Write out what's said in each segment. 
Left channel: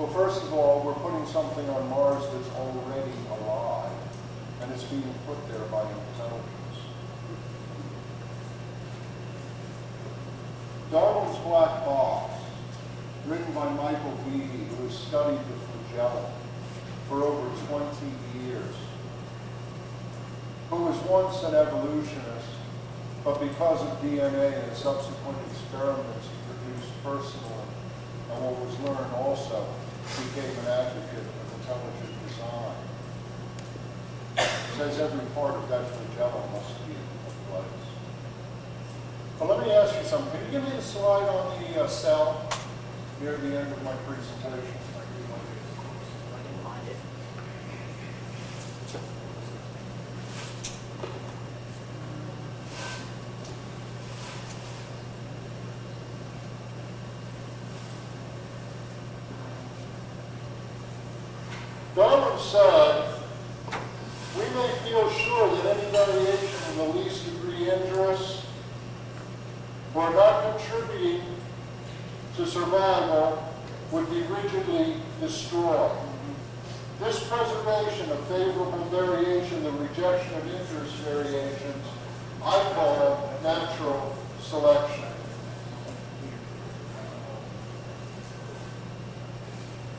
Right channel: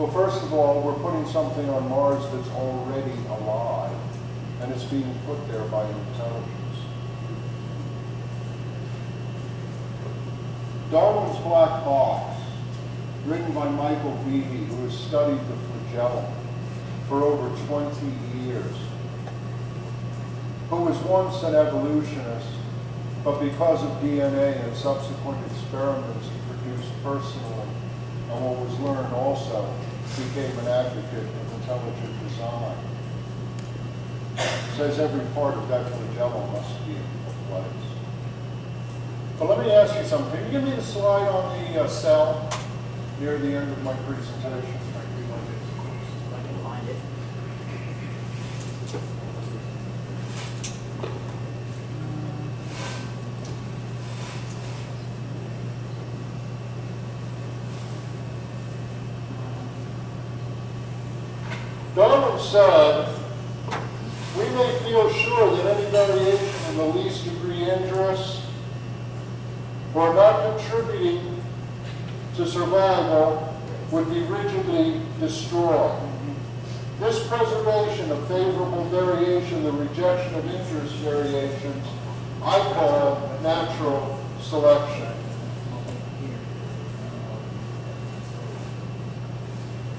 Well, first of all, we're putting something on Mars that's already alive, and it's being put there by intelligence. Darwin's Black Box, written by Michael Behe, who has studied the flagellum for over 20 years, who was once an evolutionist, but because of DNA and subsequent experiments he produced personally, and what was learned also, became an advocate of intelligent design. Says every part of that flagellum must be in a place. But let me ask you something. Can you give me the slide on the cell near the end of my presentation? I can find it. Darwin said, we may feel sure that any variation in the least degree injurious or not contributing to survival would be rigidly destroyed. This preservation of favorable variation, the rejection of injurious variations, I call natural selection.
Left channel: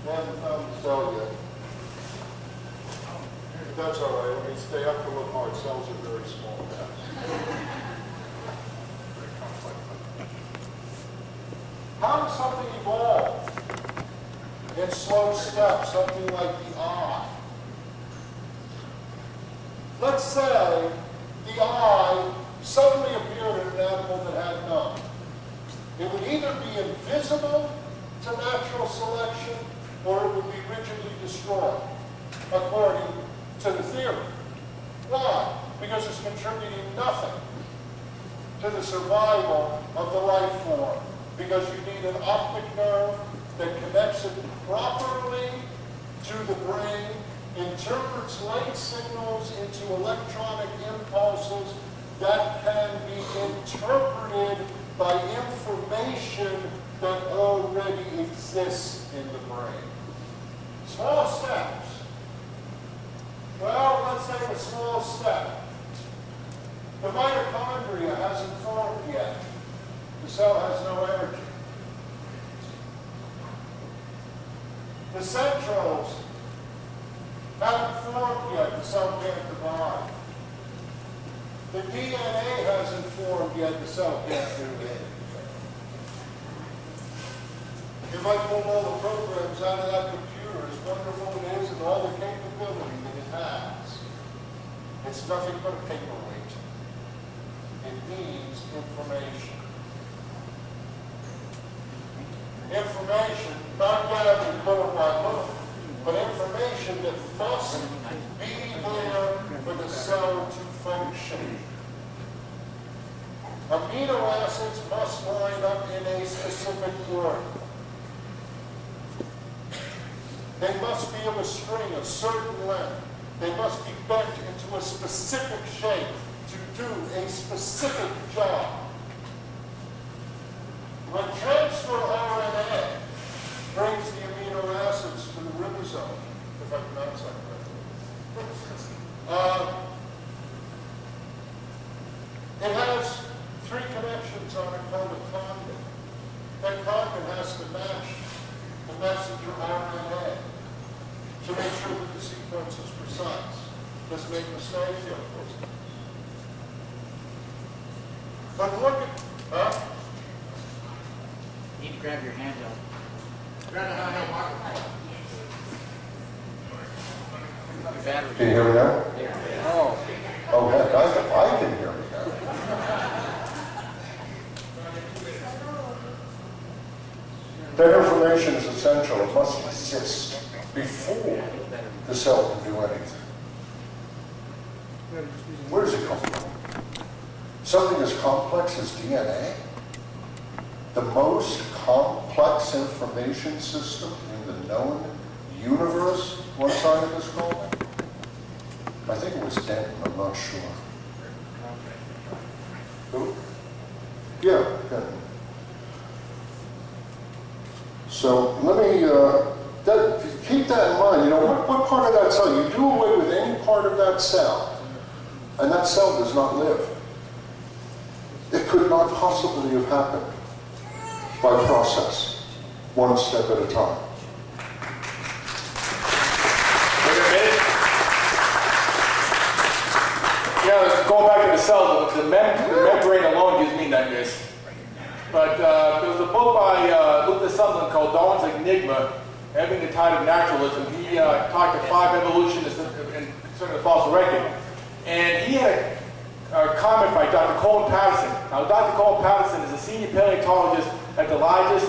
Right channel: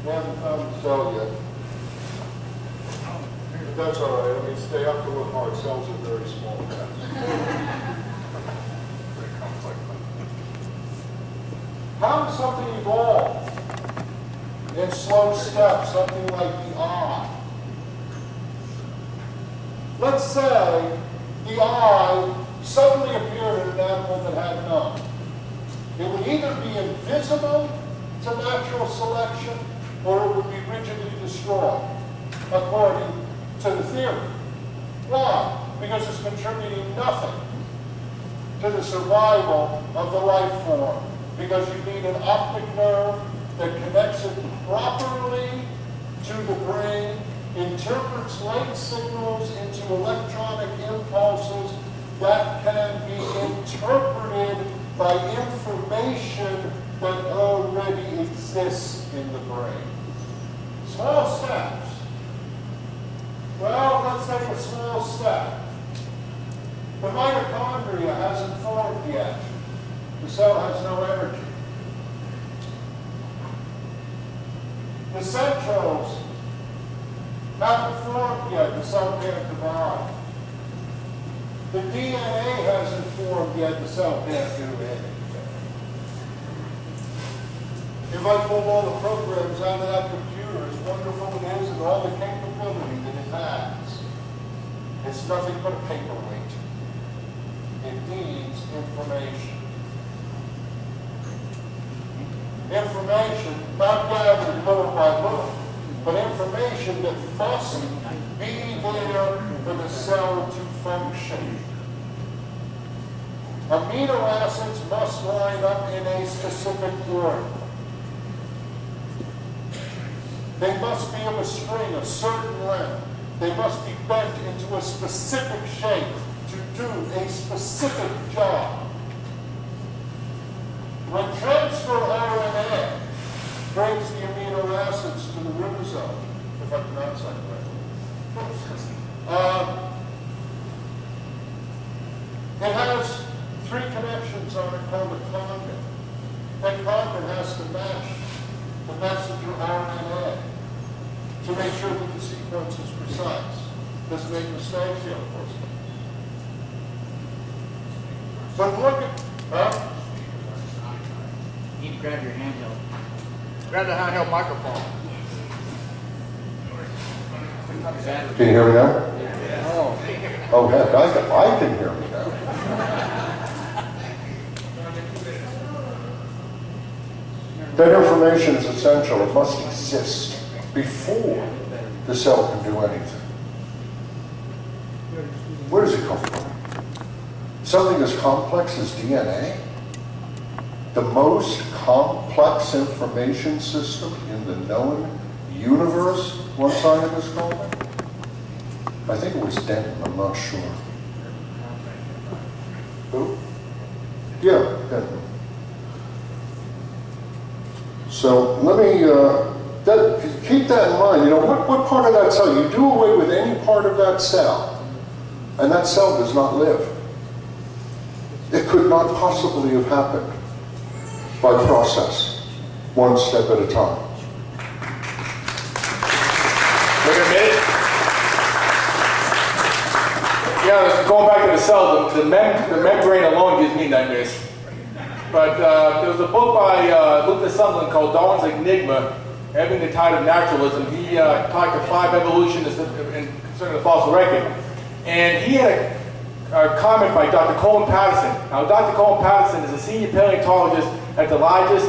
I haven't found the cell yet. But that's all right. I mean, stay up to look hard. Cells are very small. Pretty complex. How does something evolve in slow steps, something like the eye? Let's say the eye suddenly appeared in an animal that had none. It would either be invisible to natural selection or it would be rigidly destroyed, according to the theory. Why? Because it's contributing nothing to the survival of the life form. Because you need an optic nerve that connects it properly to the brain, interprets light signals into electronic impulses that can be interpreted by information that already exists in the brain. Small steps. Well, let's take a small step. The mitochondria hasn't formed yet. The cell has no energy. The centroles haven't formed yet. The cell can't divide. The DNA hasn't formed yet. The cell can't do anything. If I pulled all the programs out of that computer, as wonderful it is and all the capability that it has, it's nothing but a paperweight. It needs information. Information not gathered little by little, but information that must be there for the cell to function. Amino acids must line up in a specific order. They must be of a string, a certain length. They must be bent into a specific shape to do a specific job. When transfer RNA brings the amino acids to the ribosome, if I pronounce that correctly, it has 3 connections on it called a condon. That condon has to match the messenger RNA to make sure that the sequence is precise. Doesn't make mistakes yet, of course. But look at, You need to grab your handheld. Grab the handheld microphone. can you hear me now? Oh. Oh, heck, I can hear me now. That information is essential. It must exist before the cell can do anything. Where does it come from? Something as complex as DNA? The most complex information system in the known universe, one scientist called it? I think it was Denton, I'm not sure. Who? Yeah, Denton. So let me keep that in mind. You know, what part of that cell? You do away with any part of that cell, and that cell does not live. It could not possibly have happened by process, one step at a time. Wait a minute. Yeah, going back to the cell, the membrane alone gives me nightmares. But there was a book by Luther Sunderland called Darwin's Enigma, Ebbing the Tide of Naturalism. He talked to 5 evolutionists concerning the fossil record. And he had a comment by Dr. Colin Patterson. Now, Dr. Colin Patterson is a senior paleontologist at the largest,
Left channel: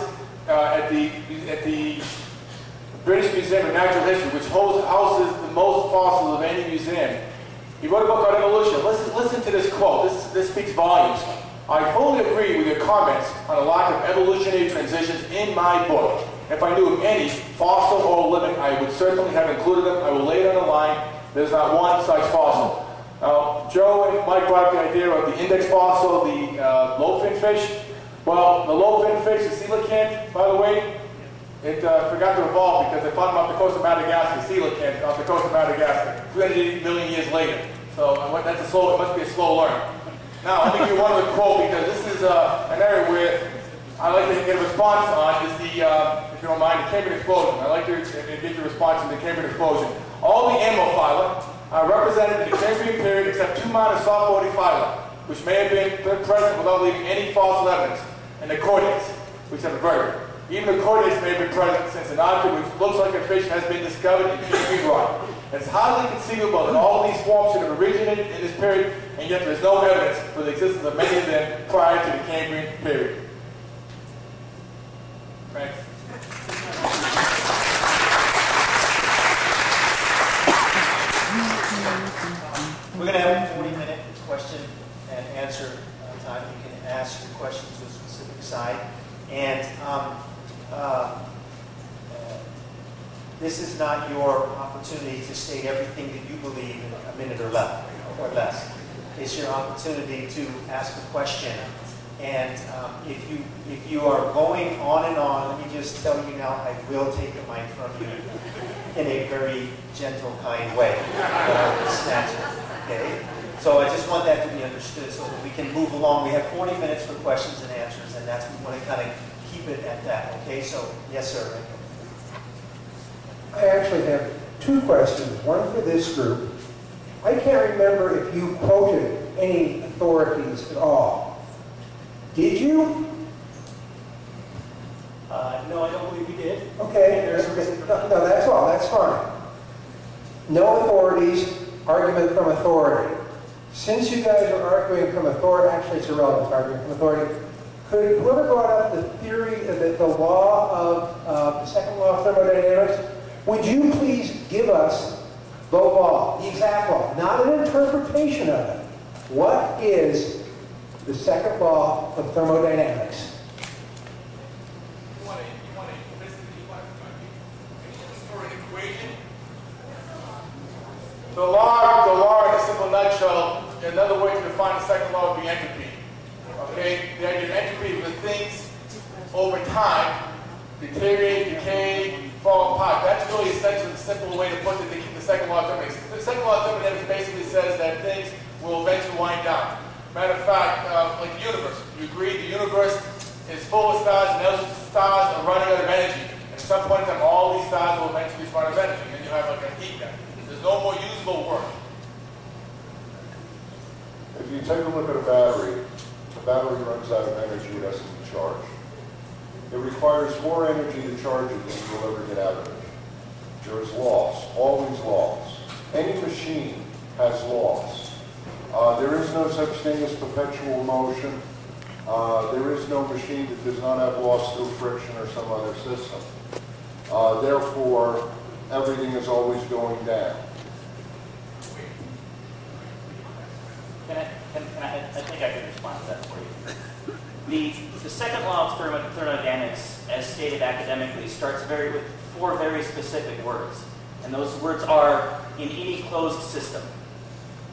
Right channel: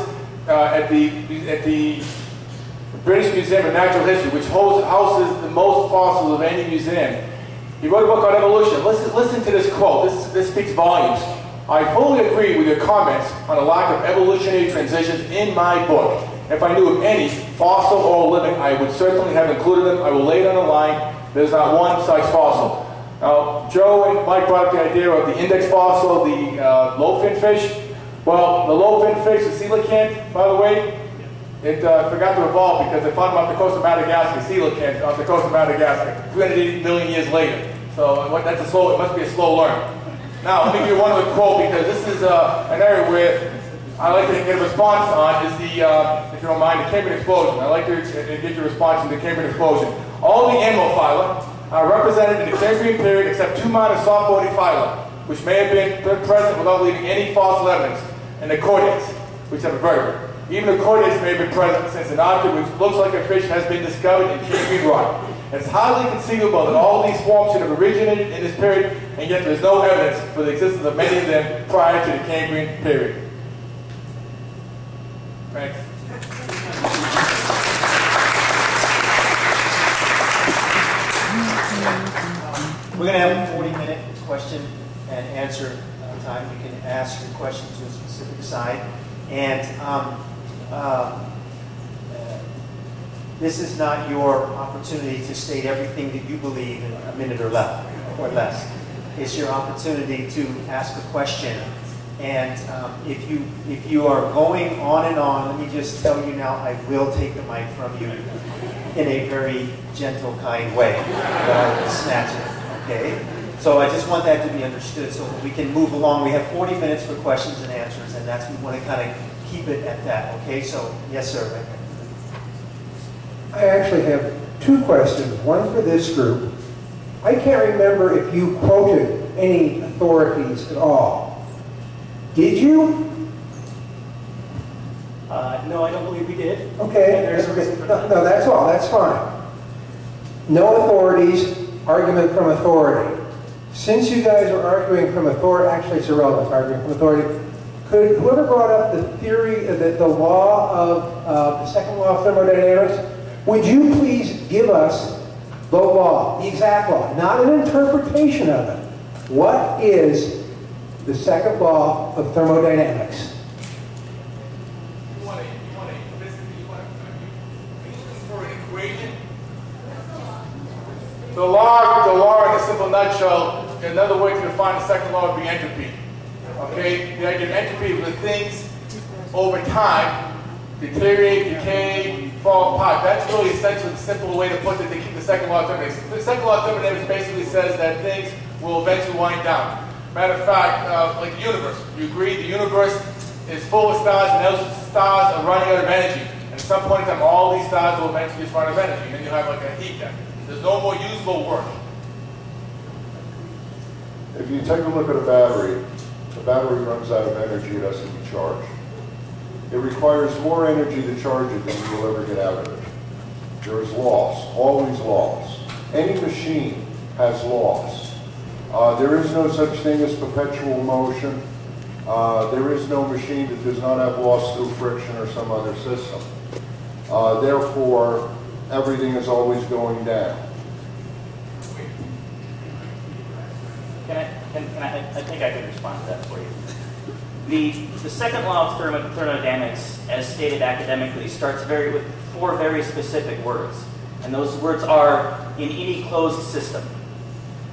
at the British Museum of Natural History, which houses the most fossils of any museum. He wrote a book on evolution. Listen to this quote. This speaks volumes. I fully agree with your comments on the lack of evolutionary transitions in my book. If I knew of any, fossil or living, I would certainly have included them. I will lay it on the line. There's not one such fossil. Now, Joe and Mike brought up the idea of the index fossil, the lobe-finned fish. Well, the lobe-finned fish, the coelacanth, by the way, it forgot to evolve because they found them off the coast of Madagascar, coelacanth off the coast of Madagascar, 380 million years later. So it must be a slow learn. Now, let me give you one other quote because this is an area where I like to get a response on, is the, if you don't mind, the Cambrian explosion. I like to get your response on the Cambrian explosion. All the animal phyla are represented in the Cambrian period except 2 minor soft-bodied phyla, which may have been present without leaving any fossil evidence, and the chordates, which have a vertebrate. Even the chordates may have been present since an object which looks like a fish has been discovered in Cambrian rock. It's highly conceivable that all of these forms should have originated in this period, and yet there is no evidence for the existence of many of them prior to the Cambrian period. Thanks. We're going to have a 40-minute question and answer time. You can ask your question to a specific side. And this is not your opportunity to state everything that you believe in a minute or less. It's your opportunity to ask a question. And if you are going on and on, let me just tell you now, I will take the mic from you in a very gentle, kind way. But I will snatch it, okay? So I just want that to be understood so that we can move along. We have 40 minutes for questions and answers, and we want to kind of keep it at that, okay? So, yes, sir. I actually have 2 questions, one for this group. I can't remember if you quoted any authorities at all. Did you? No, I don't believe we did. Okay. No, that's all. That's fine. No authorities, argument from authority. Since you guys are arguing from authority, actually it's irrelevant, arguing from authority, could whoever brought up the theory, the law of, the second law of thermodynamics, would you please give us the law, the exact law, not an interpretation of it. What is the second law of thermodynamics? Are you looking for an equation? The law in a simple nutshell, another way to define the second law would be entropy. Okay? The idea of entropy is when things over time deteriorate, decay, fall apart. That's really essentially the simple way to put the second law of thermodynamics. The second law of thermodynamics basically says that things will eventually wind down. Matter of fact, like the universe. You agree the universe is full of stars and those stars are running out of energy. And at some point in time, all these stars will eventually just run out of energy. And then you'll have like a heat death. There's no more usable work. If you take a look at a battery, the battery runs out of energy, it has to be charged. It requires more energy to charge it than you will ever get out of it. There is loss, always loss. Any machine has loss. There is no such thing as perpetual motion. There is no machine that does not have loss through friction or some other system. Therefore, everything is always going down. I think I can respond to that for you. The second law of thermodynamics, as stated academically, starts with 4 very specific words. And those words are, in any closed system.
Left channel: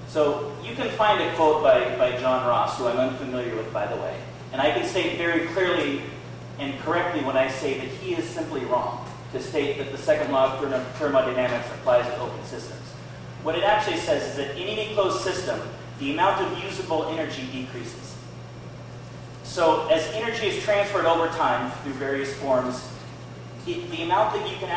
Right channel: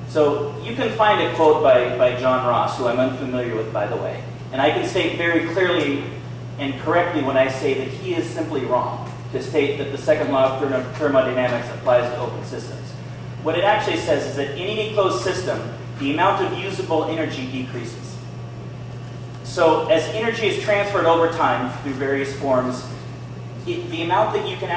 So you can find a quote by John Ross, who I'm unfamiliar with, by the way. And I can state very clearly and correctly when I say that he is simply wrong. to state that the second law of thermodynamics applies to open systems. What it actually says is that in any closed system, the amount of usable energy decreases. So as energy is transferred over time through various forms, the amount that you can